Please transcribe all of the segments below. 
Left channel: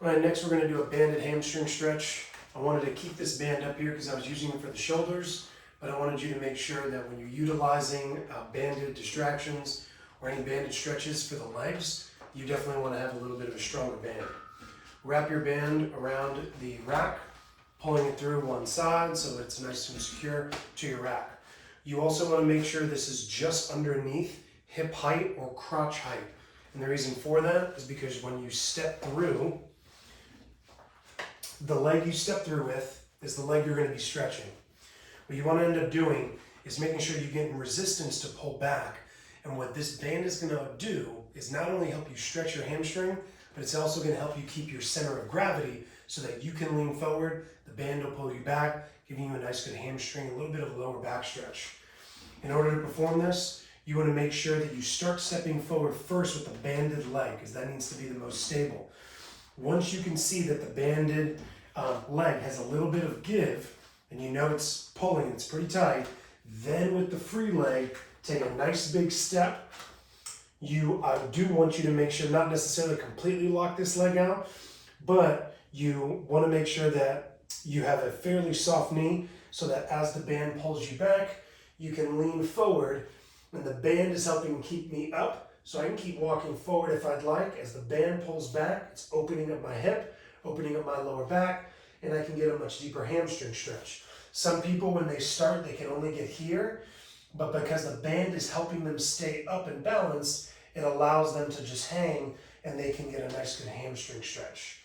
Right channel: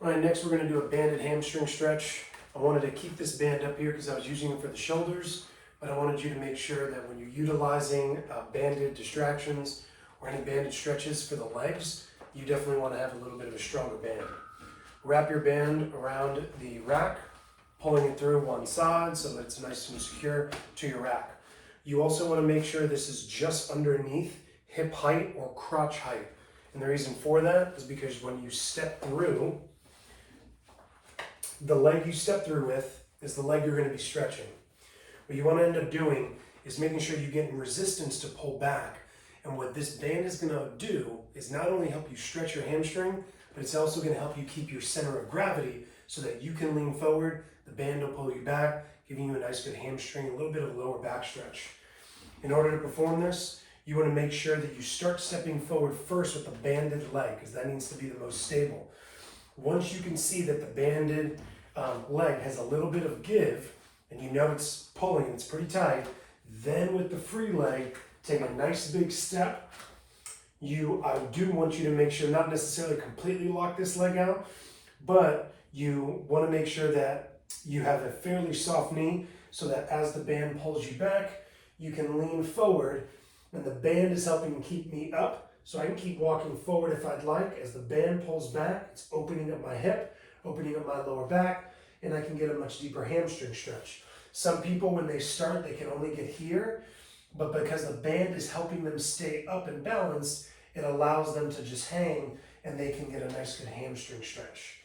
All right, next we're going to do a banded hamstring stretch. I wanted to keep this band up here because I was using it for the shoulders, but I wanted you to make sure that when you're utilizing banded distractions or any banded stretches for the legs, you definitely want to have a little bit of a stronger band. Wrap your band around the rack, pulling it through one side so that it's nice and secure to your rack. You also want to make sure this is just underneath hip height or crotch height. And the reason for that is because when you step through, the leg you step through with is the leg you're going to be stretching. What you want to end up doing is making sure you're getting resistance to pull back. And what this band is going to do is not only help you stretch your hamstring, but it's also going to help you keep your center of gravity so that you can lean forward, the band will pull you back, giving you a nice good hamstring, a little bit of a lower back stretch. In order to perform this, you want to make sure that you start stepping forward first with the banded leg, because that needs to be the most stable. Once you can see that the banded leg has a little bit of give, and you know it's pulling, it's pretty tight, then with the free leg, take a nice big step. I do want you to make sure, not necessarily completely lock this leg out, but you want to make sure that you have a fairly soft knee so that as the band pulls you back, you can lean forward, and the band is helping keep me up. So I can keep walking forward if I'd like. As the band pulls back, it's opening up my hip, opening up my lower back, and I can get a much deeper hamstring stretch. Some people, when they start, they can only get here, but because the band is helping them stay up and balanced, it allows them to just hang, and they can get a nice good hamstring stretch.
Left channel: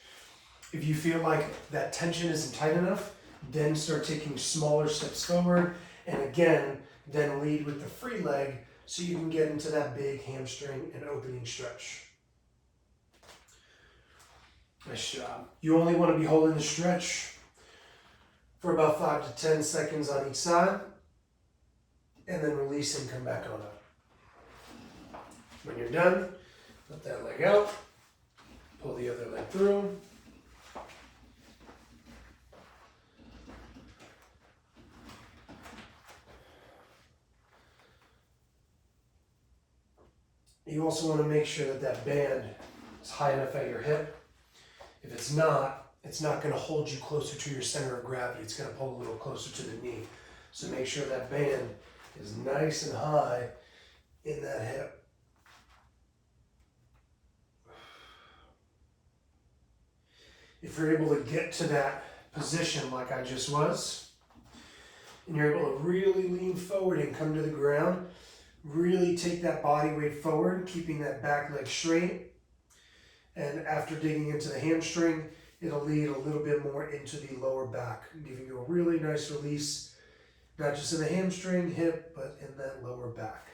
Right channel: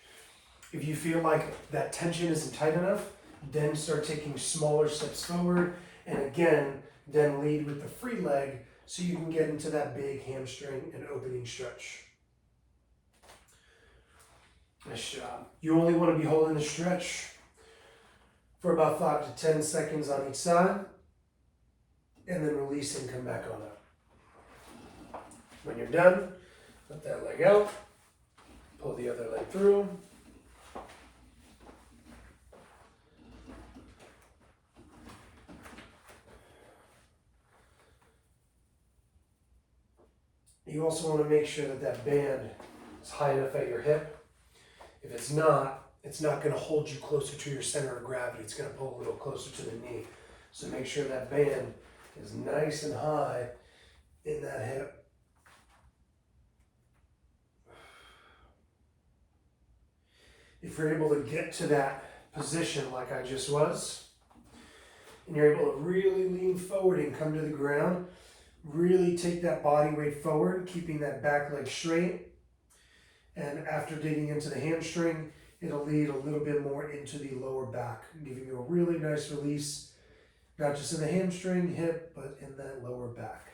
If you feel like that tension isn't tight enough, then start taking smaller steps forward, and again, then lead with the free leg so you can get into that big hamstring and opening stretch. Nice job. You only want to be holding the stretch for about 5 to 10 seconds on each side, and then release and come back on up. When you're done, let that leg out, pull the other leg through. You also want to make sure that that band is high enough at your hip. If it's not going to hold you closer to your center of gravity. It's going to pull a little closer to the knee. So make sure that band is nice and high in that hip. If you're able to get to that position like I just was, and you're able to really lean forward and come to the ground, really take that body weight forward, keeping that back leg straight. And after digging into the hamstring, it'll lead a little bit more into the lower back, giving you a really nice release, not just in the hamstring, hip, but in that lower back.